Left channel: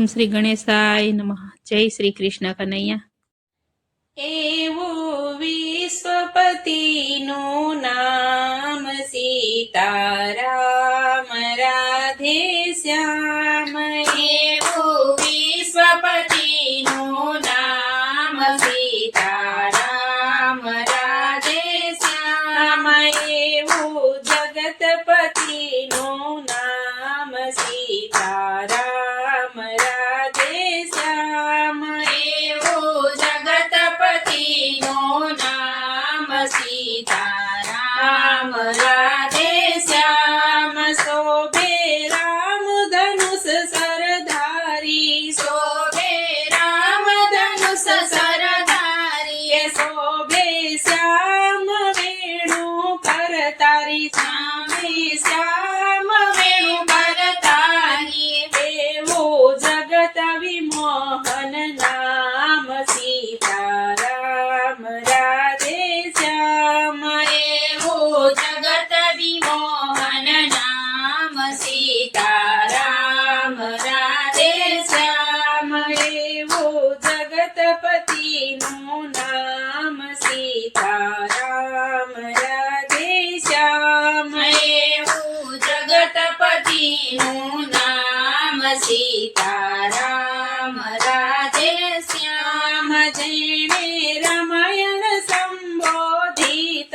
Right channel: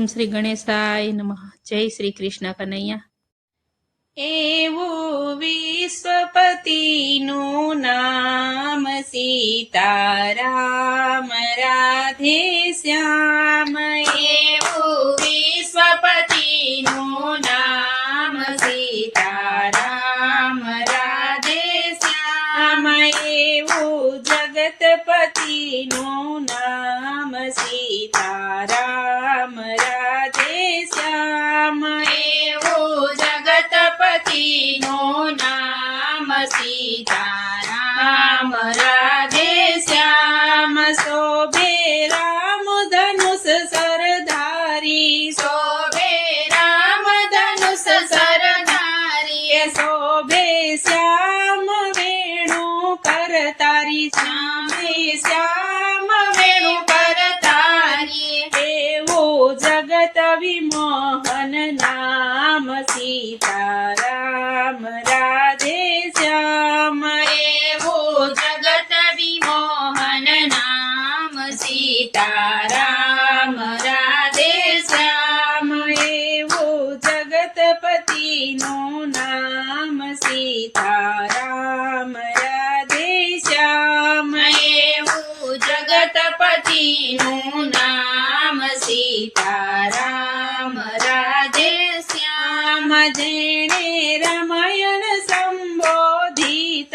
ઓમ શ્રી ગણેશાય નમઃ. જય શ્રી કૃષ્ણ કનૈયા. એવું વિશ્વપતિનું નામ સીતારામ રાધે શ્યામ. એવું વિશ્વપતિનું નામ સીતારામ રાધે શ્યામ. એવું જગતપતિનું નામ સીતારામ રાધે શ્યામ. એવું જગતપતિનું નામ સીતારામ રાધે શ્યામ. શોભે રામ ધનુષ સરધારી, શોભે રામ ધનુષ સરધારી. શોભે શ્યામ વેણુ કરતારી, શ્યામે શ્યામ વેણુ કરતારી. એવું જગત વિમોહન નામ સીતારામ રાધે શ્યામ. એવું જગત વિમોહન નામ સીતારામ રાધે શ્યામ. એવું જગતપતિનું નામ સીતારામ રાધે શ્યામ. એવું જગતપતિનું નામ સીતારામ રાધે શ્યામ. જેણે રામાયણ સંબોધિત,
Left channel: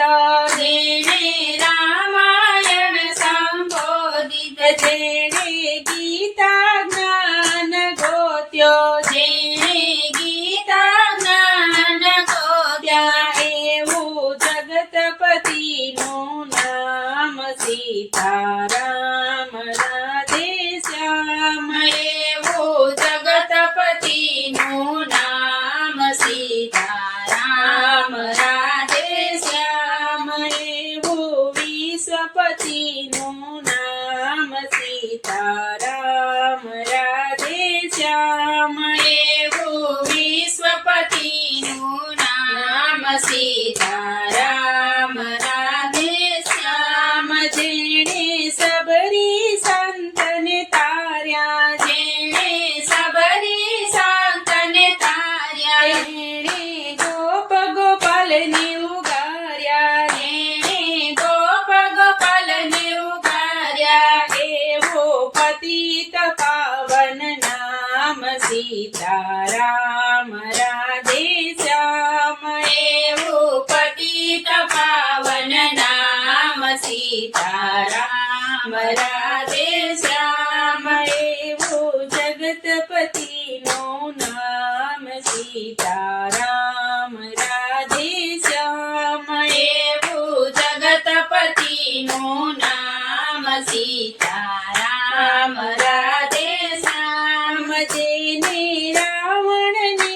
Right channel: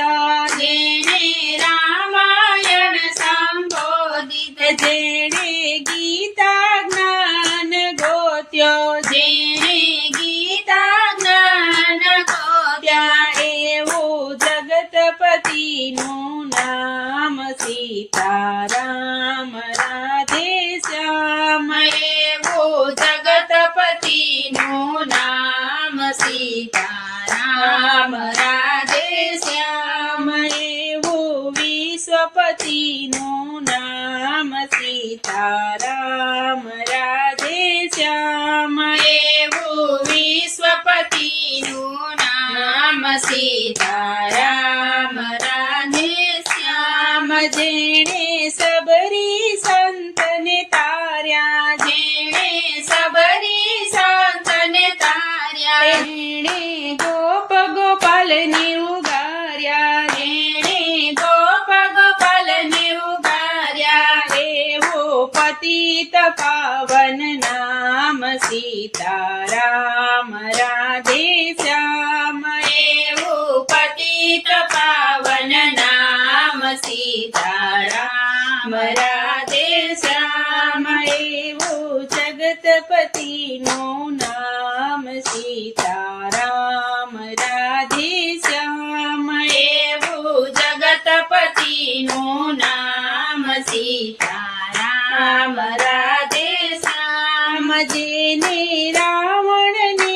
જેણે રામાયણ સંબોધિત. જેણે ગીતા જ્ઞાન ગોત્યો, જેણે ગીતા જ્ઞાન ગોત્યા. એવું જગતપતિનું નામ સીતારામ રાધે શ્યામ. એવું જગતપતિનું નામ સીતારામ રાધે શ્યામ. એવું વિશ્વપતિનું નામ સીતારામ રાધે શ્યામ. એવું વિશ્વપતિનું નામ સીતારામ રાધે શ્યામ. જેણે સબરી સંતને તાર્યા, જેણે સબરી સંતને તાર્યા. જેણે ગોપ ગોપાલને ઉગાર્યા, જેણે ગોપ ગોપાલને ઉગાર્યા. એવો પતિત પાવન નામ સીતારામ રાધે શ્યામ. એવું પતિત પાવન નામ સીતારામ રાધે શ્યામ. એવું જગતપતિનું નામ સીતારામ રાધે શ્યામ. એવું જગતપતિનું નામ સીતારામ રાધે શ્યામ. જેને રાવણને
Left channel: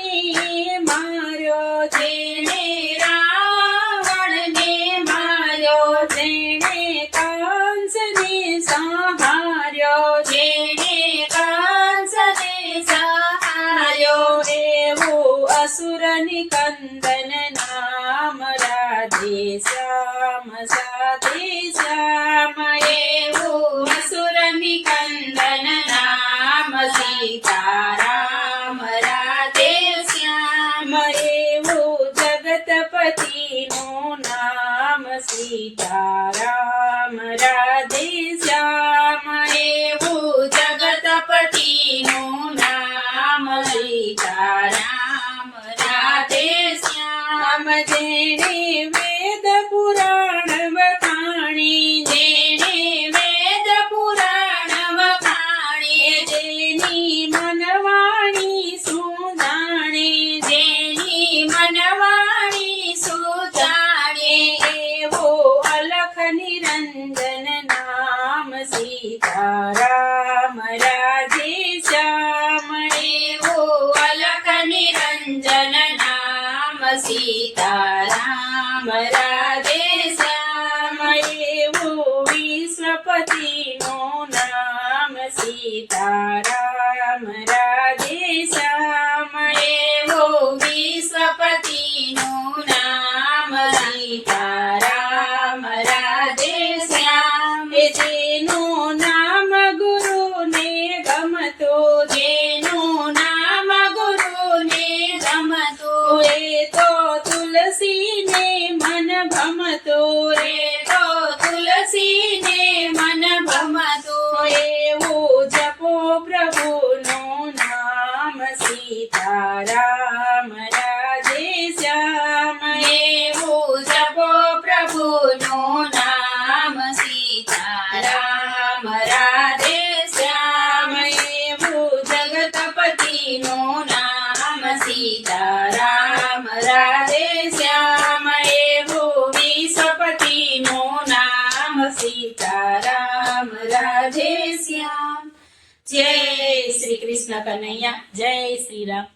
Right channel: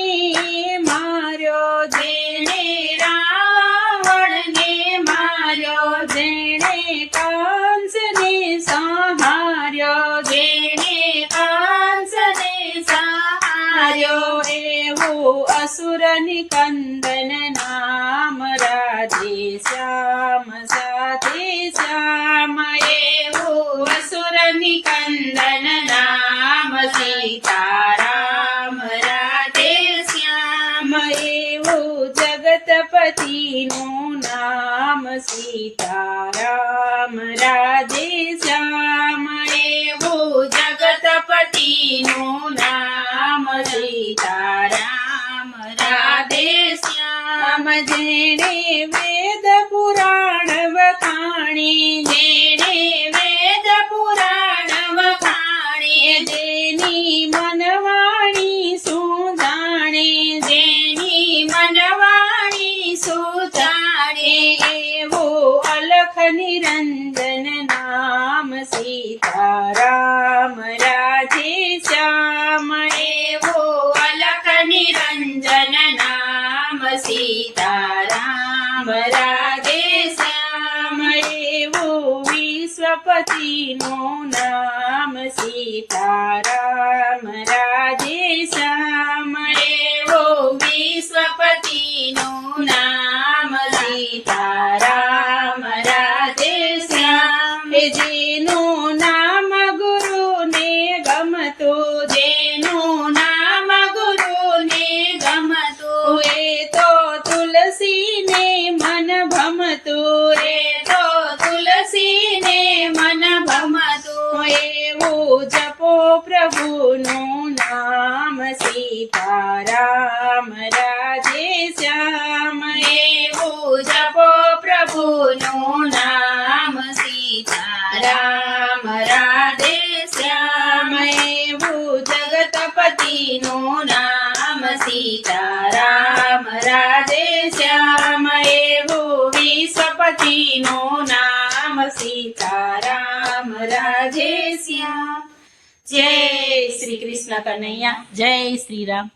માર્યો, જેને રાવણને માર્યો. જેણે કંસને સંહાર્યો, જેણે કંસને સંહાર્યો. એવું અસુર નિકંદન નામ રાધે શ્યામ સાથે શ્યામ. એવું અસુર નિકંદન નામ સીતારામ રાધે શ્યામ. એવું જગતપતિનું નામ સીતારામ રાધે શ્યામ. એવું જગતપતિનું નામ સીતારામ રાધે શ્યામ. જેણે વેદ પુરાણ વખાણી, જેણે વેદ પુરાણ વખાણી. જેની મનવાણી સુજાણે, જેની મનવાણી સુજાણે. એવો અલખ નિરંજન નામ સીતારામ રાધે શ્યામ. એવું અલખ નિરંજન નામ સીતારામ રાધે શ્યામ. એવું વિશ્વપતિનું નામ સીતારામ રાધે શ્યામ. એવું વિશ્વપતિનું નામ સીતારામ રાધે શ્યામ. જેનું નામ ગુરુને ગમતું, જેનું રાધે શ્યામ એવું જપો પ્રભુનું નામ સીતારામ રાધે શ્યામ એવું જગતપતિનું નામ સીતારામ રાધે શ્યામ એવું વિશ્વપતિનું નામ સીતારામ રાધે શ્યામ જય શ્રી કૃષ્ણ કનૈયા જય શ્રી રામ.